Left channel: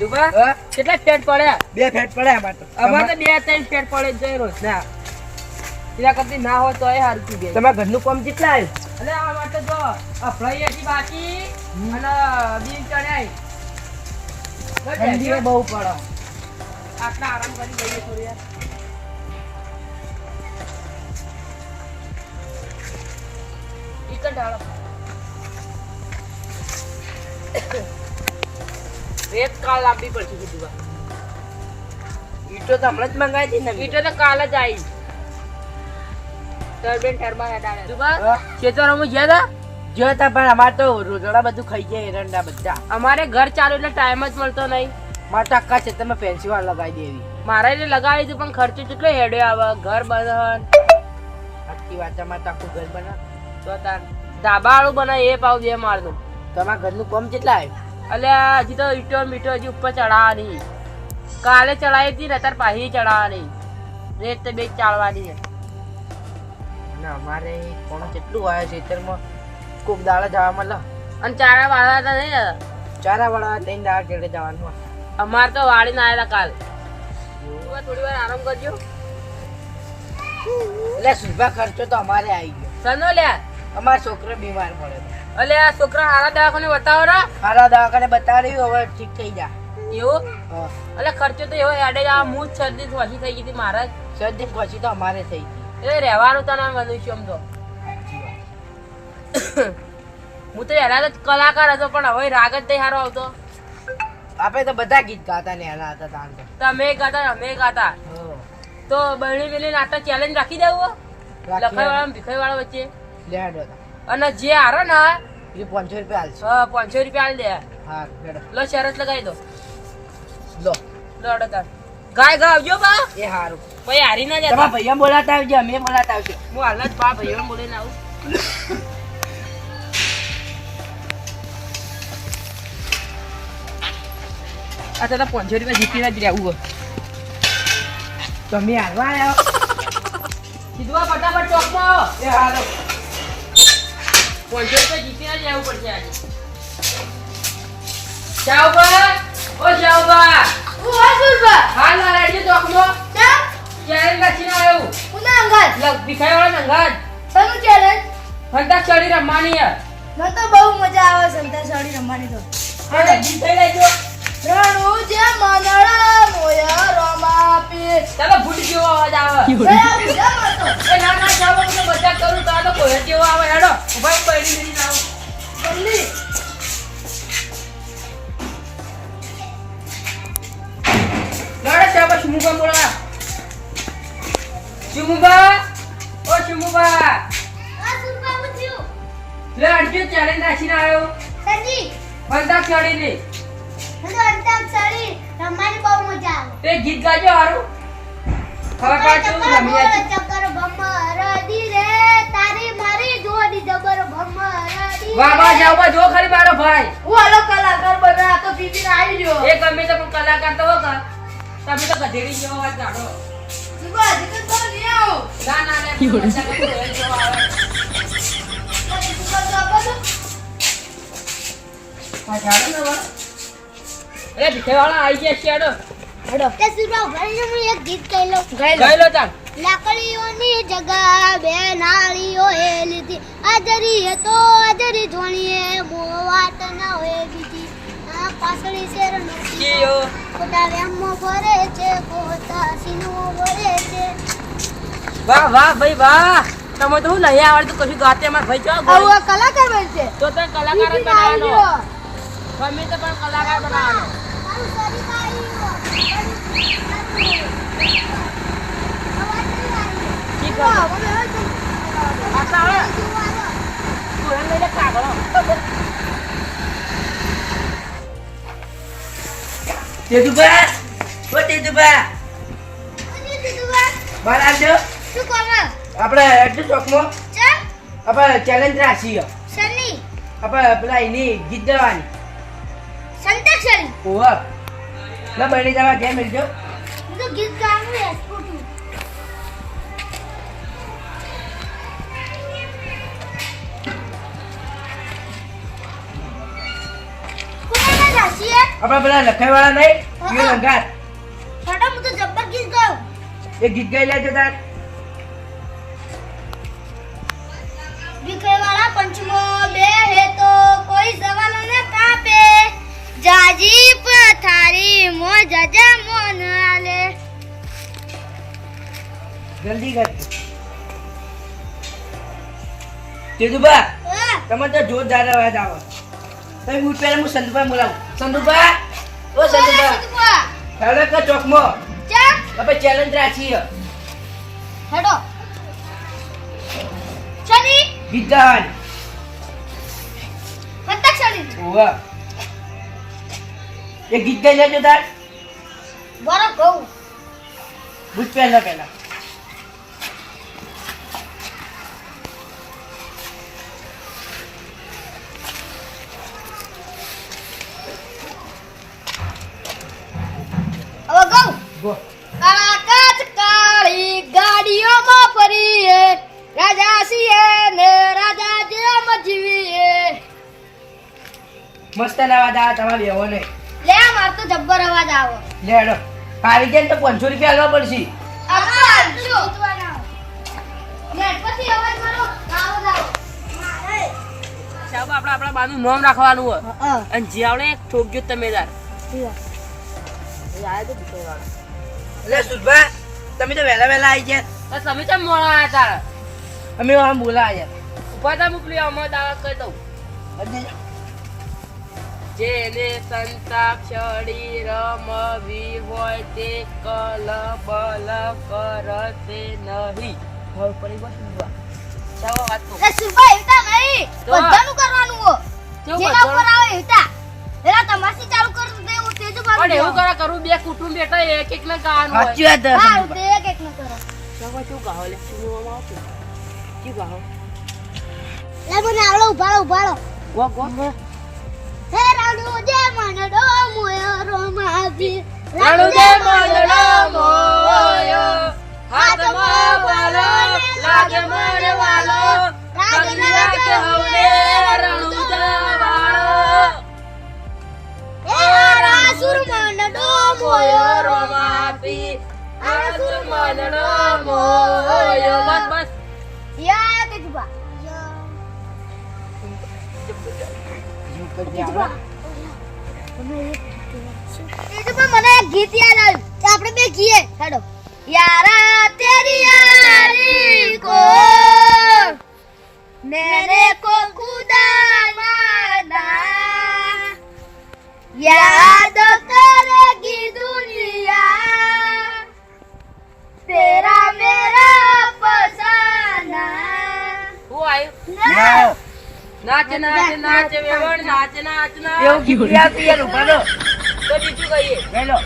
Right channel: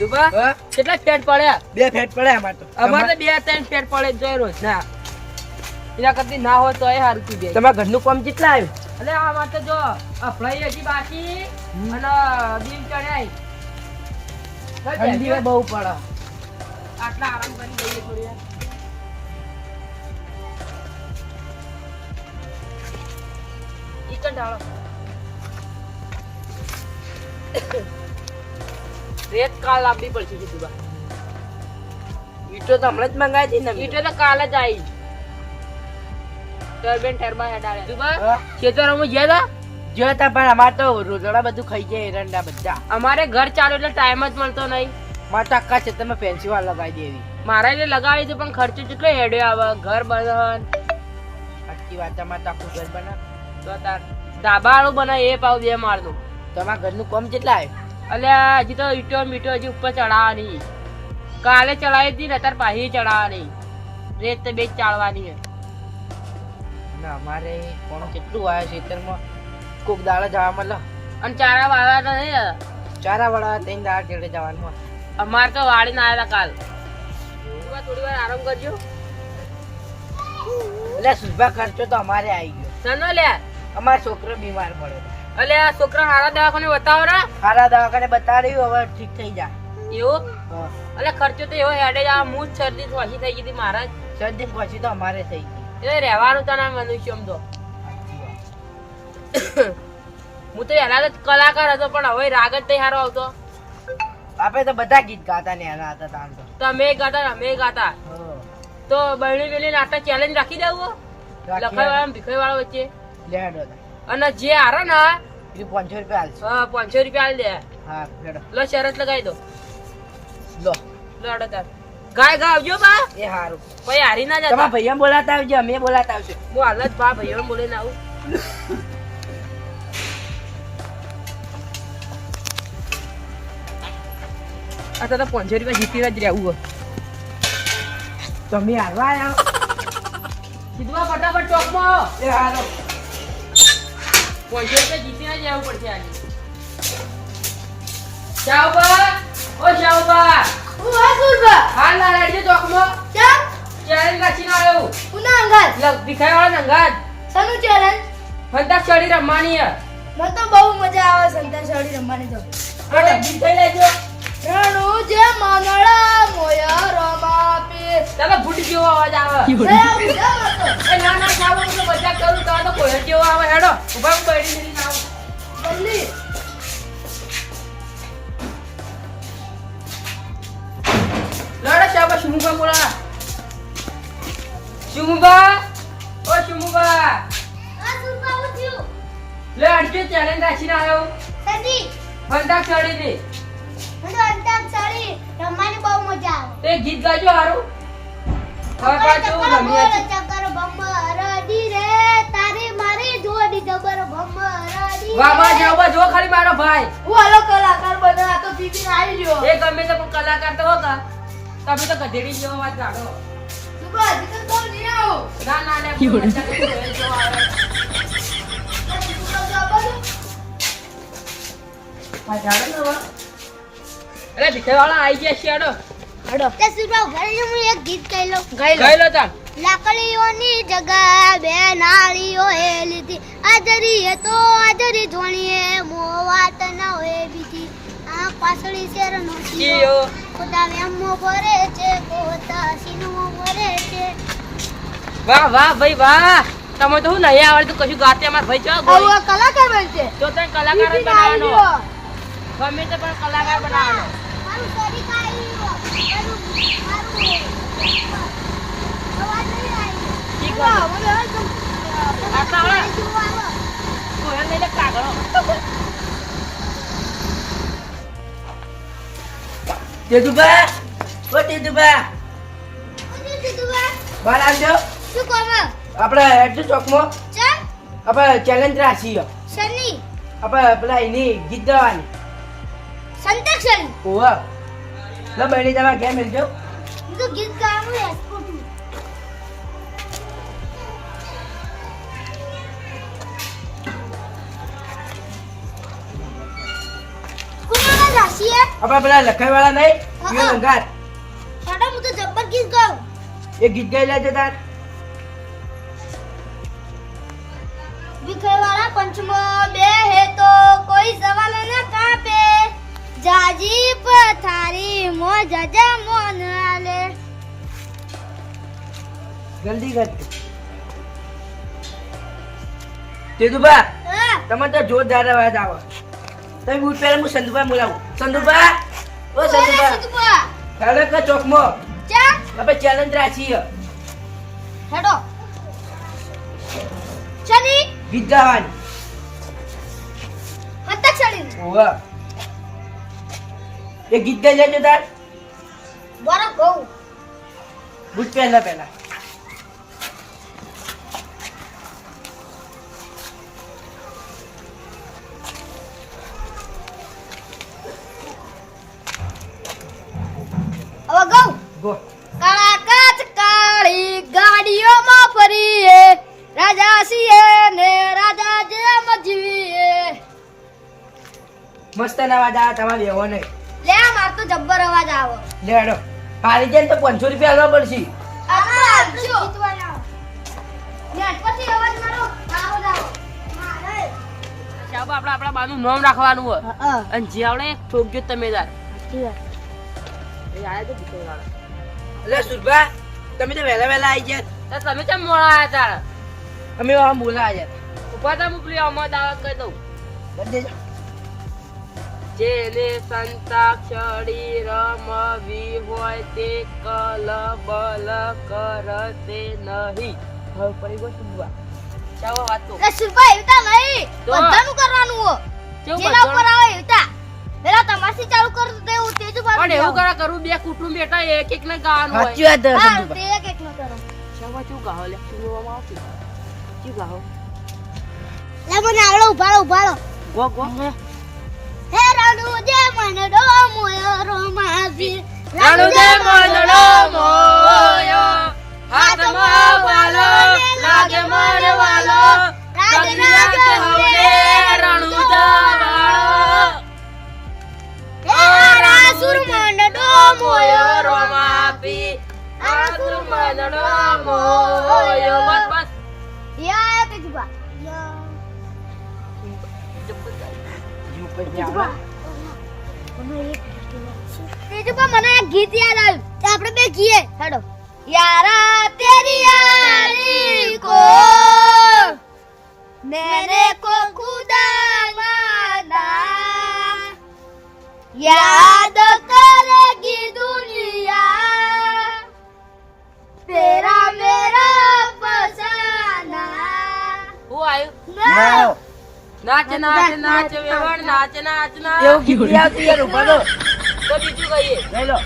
જીતુભા કેટલા ફેટ પડ્યા? 2 ફેટ પડે અમાર તો. અમારે તો 2-3 ફેટ પડે જોઈ રોજ ના. એના કરતી ના હોય તો એ હારું કી દે. તમારા ઘરનું કામ કેટલા આવ્યું? એટલે અમાર તો જો અફળાઈ હતી બાકી અને દીન ચડ્યા. ઠંડી બહુ પડે. આટલા આરામ કરી લઈએ થોડી વાર. ઈકન ઢાળો. રેત કાલ લાવવી પડશે જીતુભા. ઈટો તો હમણાં જ મંગાવી હતી ને. ઈટો તો કાલ જ આવી. ટર્બેન ટર્બા હેડાડ્યા. જીતુભા હા? ખેતરમાં ગયા હતા? જો તા પણ અમાર તો રોજડા બધું ખાઈ જાય એરંડા બધા. અમારે ઘર ચાલુ એટલે ટાઈમ જ મળતો નહીં. માર તો આખા છે તમે ફેન્સી વાળ લગાવી દેવી. મારા એટલે લગાવી દીધું પણ ખર્ચો કેટલો હેડ્યો આવે ઘર બનાવવાનું. સાચી વાત. અમારે તો આખું ઘર બનાવ. તો તાર ધાબા વાળું બનાવે એ પાવ 2 માળનું. તમારા ઘરનું કામ કેટલા આવ્યું? અલ્યા હજી તો ઈટો મીટો હજી ઉપર ચડાવવાની. કાલે ચડાવી હતી ને અત્યારે પાછી ચડાવવાની. રેત તો 2 ચાળવાની છે. અને અમારે કોણ કેટલું આવ્યા છે ખેતરમાં કોક દાડા જવા મળે. અને ચારા વાળવાના નહીં. ચારા વાળા 3 દાડા કેડે જવાનું હોય. અમારે તો વાળીને આવેલા કાલ. થોડી વાર આરામ કરજો. એટલે સુભા ખર્ચો તો અમારે આવી ગયો. સનો લ્યા અમારો છોકરો બીમાર પડ્યો. અલ્યા છોકરા હારા દવાખાને બતાવો ને. સારા દવાખાને બતાડ્યું હવે ઠીક થઈ જા. એવું હા. એટલે ખર્ચો તો એવો હેડે જ હું જ શરદી ઓછી થઈ ગઈ હતી મારા જ. સર્દી પછી તો અમારે થઈ ગઈ. એ રહેવાનું તો ના મનુષ્ય આમ તો. હું તો એના જ કલાકાર હતો પણ હવે રાગ જ તૈયાર આવતો. આપણે તો બધા ગીત ગાતા ને એના હતા તાન તો. તમે ગાતા અમે ગાતા. હા. તો બહેણી બેલી નાટક ચેલેન્જ રાખી દેવું. લખાઈ વાળા ભીખાઈ વાળા વચ્ચે. લેડો તા. અને જે હારો ને એ 500 રૂપિયા આલશે. 500 રૂપિયા આલી દે. હા લેડો. લો શરત લગાવી દો. લો. લોડો તાર ગાય ગાવજો બા. એ હારું. પછી હારી ના તમારા જતા. ભૈયા બોલાતા આવજો અમે બોલાતા આવશે. હું હાલ જ બા ભાઈઓ બોલીને આવું. આ તો 500 રૂપિયા જીતીને જ રહેવું. તમે હારવા આવ્યો. કીધું ફટાફટ ચોકમાં આવો. એ હારો. 500 રૂપિયા જીતીને જ રહેવું પડશે આજે. શાહબા ઓ શાહબા હું આ સુરબા હાલ ના રેડી ચોકમાં ચમ ક્યારે કાચીને આવ્યો. ઉના અંગાત લગ ભીખાઈ વાળા નંગાજ તનું ચેલેન્જ ફંટા ચડી રમવાની હે. મને તો બહુ મજા આવે સંતા સાડી રમવાની તો અરે ગીત થઈ લેજો. રણુ જે મનડા મોય રમાપે ચાલો ફૂટ જેવો અવાજ આવે. એ ના ના ચાલો મને મજાક કરું તો કોઈ જેવો આવે હેડો ઉભા ઉભા એની મેરી ના આવ. બલ્લી લડે ચાબા શુમુબા મોળા. શુમુબા ઓ શુમુબા આ સુરબા ઉઠ્યું લે અડજો ચેલેન્જ રાખીને આવ્યો. સંજી ફંટા ચડીને મને અંતાક સાડી રમવાની બહુ મજા આવે તે ગીત ગાજો હારું. હવે પાછું રમીએ. ચક્કર ભમરડી રે તારી મારી જોડી જબર ભમરડી વાહ વાહ જાવ બા જો ખાલી મારો ભાઈ. હું આલો કલાકાર બના તો બીજી આવી ગયો એ ગમે તો પણ કલાકાર તો હોગા. તમે તો ગધેડી જેવો વાત કાઢો. સુરબા જીકન તો નહીં આવું ના ના ના મજાક કરું, એ જો આવે. આ જાડો ને હવે. અરે ભીખાઈવાળા આઈ ગયા છે હેડો. હેડો તે સુરબા ઘરે હું એક ગીત કહી લઉં ગઈ લો તાન. લાકડીઓની જગ્યાએ બે નાળીઓ એ લીધી આદરીએ તો આદરી જોણીએ મોવાત ના હોય બીજી આ પાસળી શેરનો કીયો. ખોટા વેમો ભરે છે ખોટા સીનો ભરે છે વાહ વાહ ભાઈ વાહ. તમે તો હું નહીં આવડતું કશું ગાતે અમાર ભાઈ ચો આવું કલાકાર બનશે તો તને કલાકાર જ બનાવવાનો. ગમે તો પણ કલાકાર બનાવવાનો. મારું શરીર કાઢ્યો અવાજ નહીં આવ્યો ઠીક મને છે. આટલા આવે? તું એને લઈને કાગળો. તેજુબા ઓ તેજુબા બહાર આવજો. શું કોમ આપણે એડજો ચોકમાં ચમ આપણે ચેલેન્જ રાખીએ. સની આપણે પેલા એની ગીત ગાવાની. સંતક્ષણ ઓવા લો બહેરી જવા કેમ મિલજો. હું તો ગીત ગાવાનું એક્સપોર્ટ છું કોના છીએ આપણા પેલા લખાઈ વાળા નહીં એ લંગાર હેડો હું તો જબ્બર ગીત ગાઉં એ ગીત ગાઈ લેજો તાર વિખેવાળા પંચમો બે હે તો કોઈ સવાલો ને કાપે જાજી પથારી મો જજા મોન આલે જલ્દી કર તેજુબા તમે તો જોરદાર અવાજ આવે તમે બૂટ પહેરે હું સંદુબા બોલાવું સંદુબા ઓ સંદુબા હેડો કે ચોકમાં ચા આપણે ચેલેન્જ રાખીએ હેડો ચલી ગીત ગાવાની હતક ચલી ઓવા એ ગીત ગાઈ લેજો તાર બરો ગૌ બૂટ પહેરલા પહેલા હવે ગૌ ગો કાળા કાચ કાળી ગાડીઓમાં ફરીએ રાજા છીએ ને રાજા જેમ જીવીએ મસ્ત અવાજ આવે તમારે એવો નહીં લે માર તો જબ્બર અવાજ આવે લે હેડો આવી જાય ને તો 500 રૂપિયા આલવા પડશે આમાં જો નેટ પછી અવાજ મારો આવો જાવ મારે સાહેબ આપણા બાનું નામ રાખવાનું હોય અને જે આવડે ઠોકજો તમે તાર એ આયા તો બીજો વાળા એટલે સુરભા તમે તો વહેલા વહેલા આવી ગયા તો તમે કેમ મોડા આયા તાર અમે આમ બોલા આવ્યા ઉભા તા મોકલી અમાર દાવા કરી દઉં બધે જેને સંતાક્ષરી રમવી હોય તે કલબલ કરશે નહીં હવે પડી ગયો સુબા ચાલો વાત તો એ સુભાઈ ઉતા નહીં તો? બધાનું કરવાનું હો કેવું જેના ઉપર બધું? આવે ઉતા પેલા તમાસી ચાલુ કર દે હું તેજ પણ એવું કરા કરું બે કુટુંબ બેઠા એક એક ને ગાવાનું સાચી હોય વાત છે હા સંદુભા. તે એક નો કરો ચાલો શું ગાવ લે સુનવામાં આવતું શું ગાવ લે મને આવડો ઉભાળો ગો ગો હે રાણુ જે મનડો મોયો રોમાજી રણુદે મંદડો મોયો હાથમાં વાલો લાગે મારવાલો લાગી લાગે હવલે રણુદા વાળો હે રાસુર મનડો મોયો રોમાપી આસુર મંદડો મોયો બસ બસ યા તેજબા તેજબા મને એક ગીત યાદ આવ્યું તો આપણે બે ગીએ હેડો યારા તેરી યારી को मैंने को खुदा माना याद करेगी दुनिया तेरा मेरा फसाना હું આવ્યું ના. નાચ નાચ નાચ વેવણ નાચ નાચ નાચ એવું ગીત આવતું યાર ઉભા રહો. તો બીજું કહીએ હેલો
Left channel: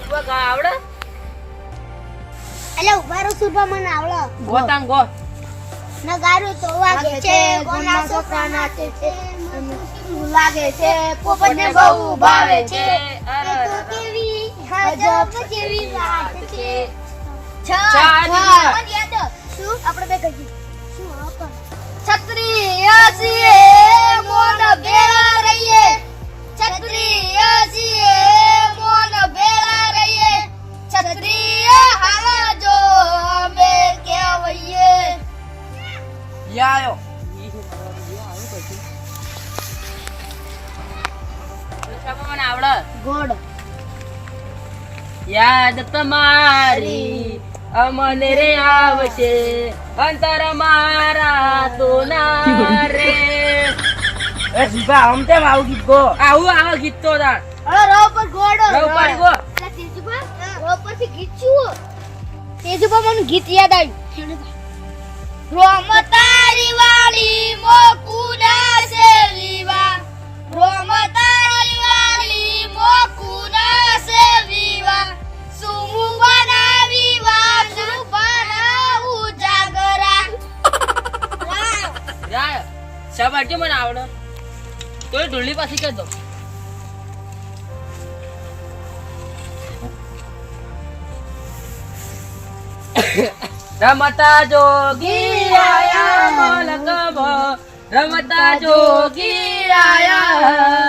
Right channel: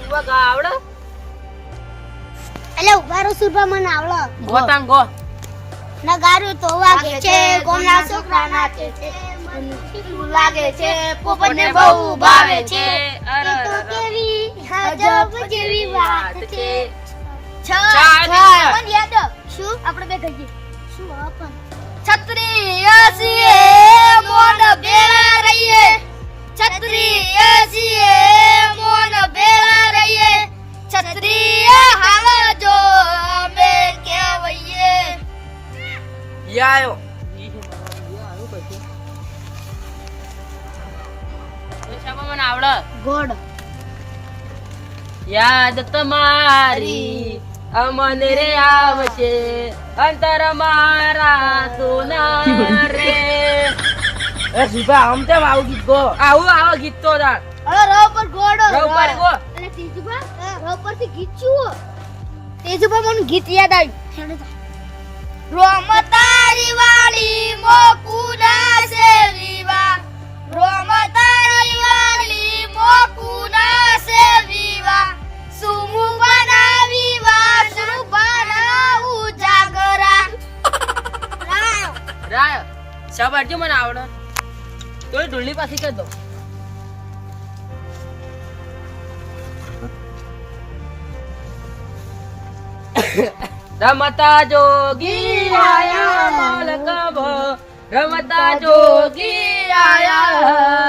તું ગા આવડે એટલે ઉભારો સુરભા મને આવડો ગોતાંગ ગો નગારું તો વાગે છે કોના છોકરા નાચે છે મને કેવું લાગે છે પોપટને બહુ ભાવે છે એ તો કેવી ગજબ જેવી વાત છે શું આપણે બે ગઈ શું આપણ છત્રી આસીએ મોન બેરા રહીએ છત્રી આસીએ મોન બેરા રહીએ છત્રી હાલ જો મે કેવઈએ યા આયો મને આવડે ગોડ યાદ તમારી અમને રે આવશે અંતર મારા સોના રે એ સુભા આમ કેમ આવું ગીત ગો આવું ગીત તો તાર અરે રો પર ગોડ રવ પાડી ગો અલા તેજુબા રો પરથી ગીત છું તેજુબા મને ગીત યાદ આવ્યું રોમ તારી વાળી મોકુના સેવીવા રોમ તારી વાળી મોકુના સેવીવા સુમુ બનાવી વાસુ બનાવું જાગરા રાય શાબાશ જો મને આવડે તો ઢોલની પાછી કરી દો રમતા જોગી આયા મલકભ રમતા જોગી આયા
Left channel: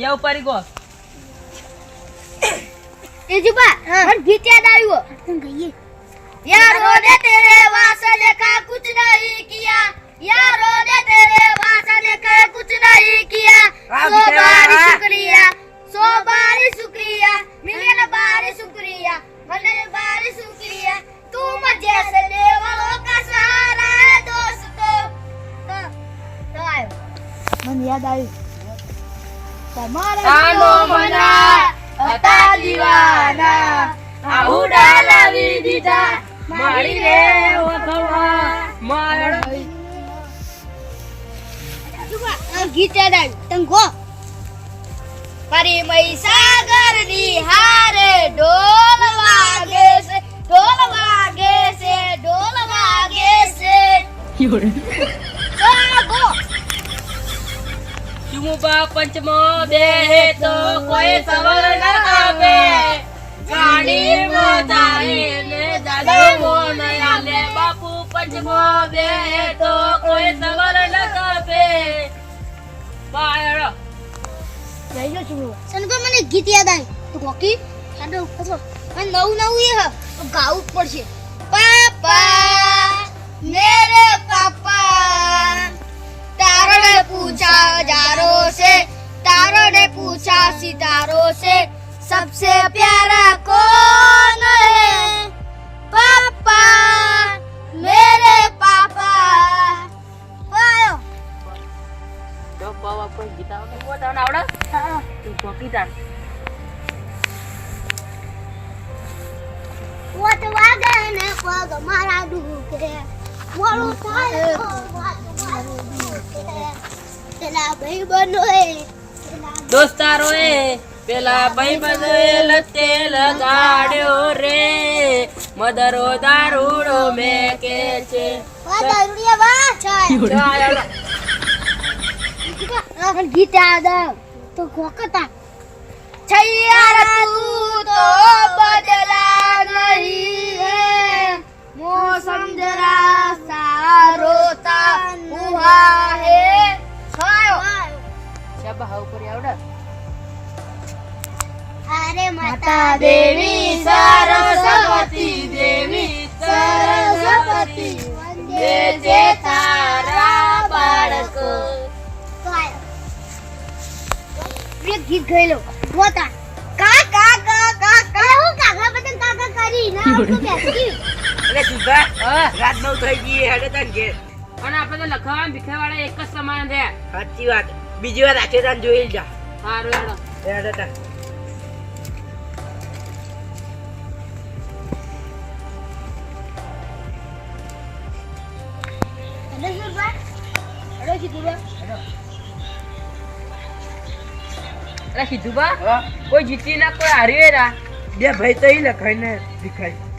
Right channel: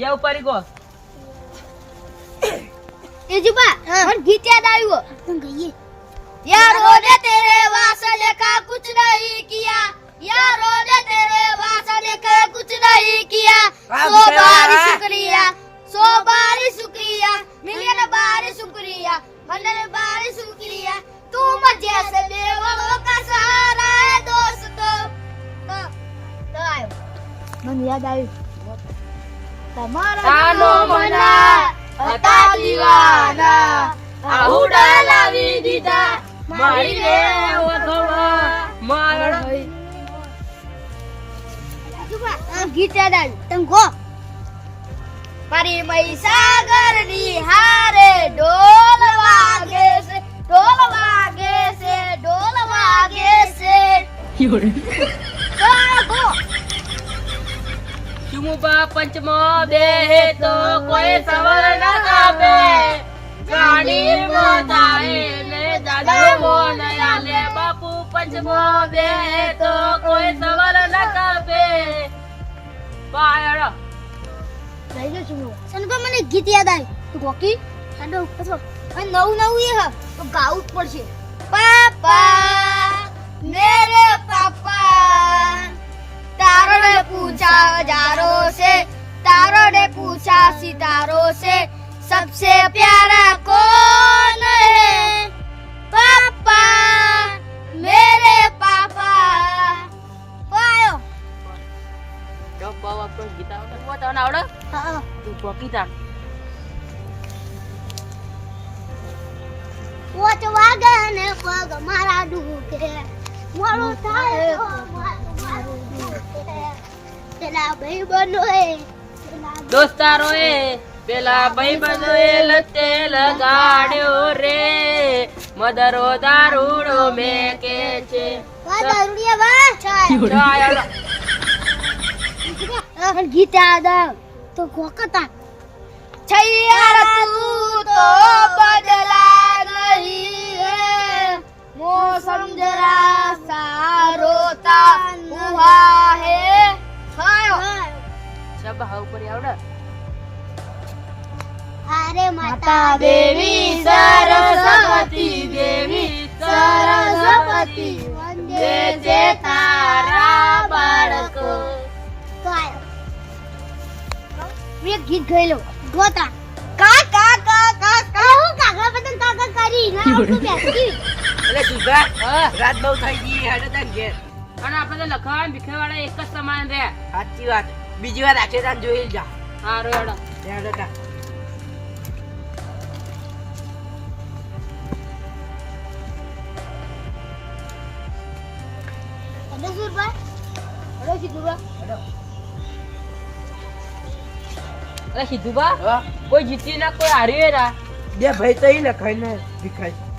યા ઉપારી ગો તેજુબા और गीत याद आयो तुम गइए यारो ने तेरे वासन का कुछ नहीं किया यारो ने तेरे वासन का कुछ नहीं किया सौ बार शुक्रिया मिलियन बार शुक्रिया 100 बार शुक्रिया तुम जैसे लेवलों का सहारा है दोस्तों तो आयो मन याद आयो તમારા તાનો મના હતા દીવાના આહુડા લાવી દીધા મારી રે ઓથવા માર ગીત યાદ આવ્યું તમ ગો મારી મહીસાગર ની હારે ઢોલ વાગે છે ઢોલ વાગે છે ઢોલ વાગે છે ગો ચુમુબા પંચમો બેહે તો કોઈ સવર ન કાપે ગાડી મોજારી ને દાદા મોન આલે બાપુ પંચમો બેહે તો કોઈ સવર ન કાપે બાયડો જઈ જો છું સનબા મને ગીત યાદ આવ્યું તો કોકી સાડો ઉપર નવું એ હ તો ગાવું જ પડશે પાપા મેરે પાપા तारों ने पूछा हजारों से तारों ने पूछा सितारों से सबसे प्यारा कौन है पापा मेरे पापा पायो તો પાવા પર ગીતા વગર વો તને આવડે તું કોકી તાણ वो तो वागन पग मारा डूके मोरू थायो मारू डूके तेला भाई बनो है દોસ્તારો એ પેલા ભાઈબંધો એ લતે લગાડ્યો રે મદરો દારૂડો મેકે છે वा दारुडिया वा चाय गीत याद तो कोकता छैया तू तो बदला नहीं है मौसम जरा सारोता हुआ है શબ હા ઉપર આવડે अरे माता देवी सरस्वती દેવી सरस्वती वंदे जे तारा बाळक मैं गीत गयलो गोता का का का का का હું કાકા બદન કાકા કરી ના આપણું બેસી એટલે તુગા રાત બહુ થઈ ગઈ હેડે તને ઘેર અને આપણે તો લખાવા ભીખેવાળા એક જ સમાન રે સાચી વાત બીજી વાર રાખે તાન જોઈ જા હારો હેડો હેડે તા અરે સુરબા અરે કીધું અરે સીધુબા હા કોઈ જીતી ના કોઈ હાર્યું રા બે ભાઈ તો ઈ લખાઈને દેખાય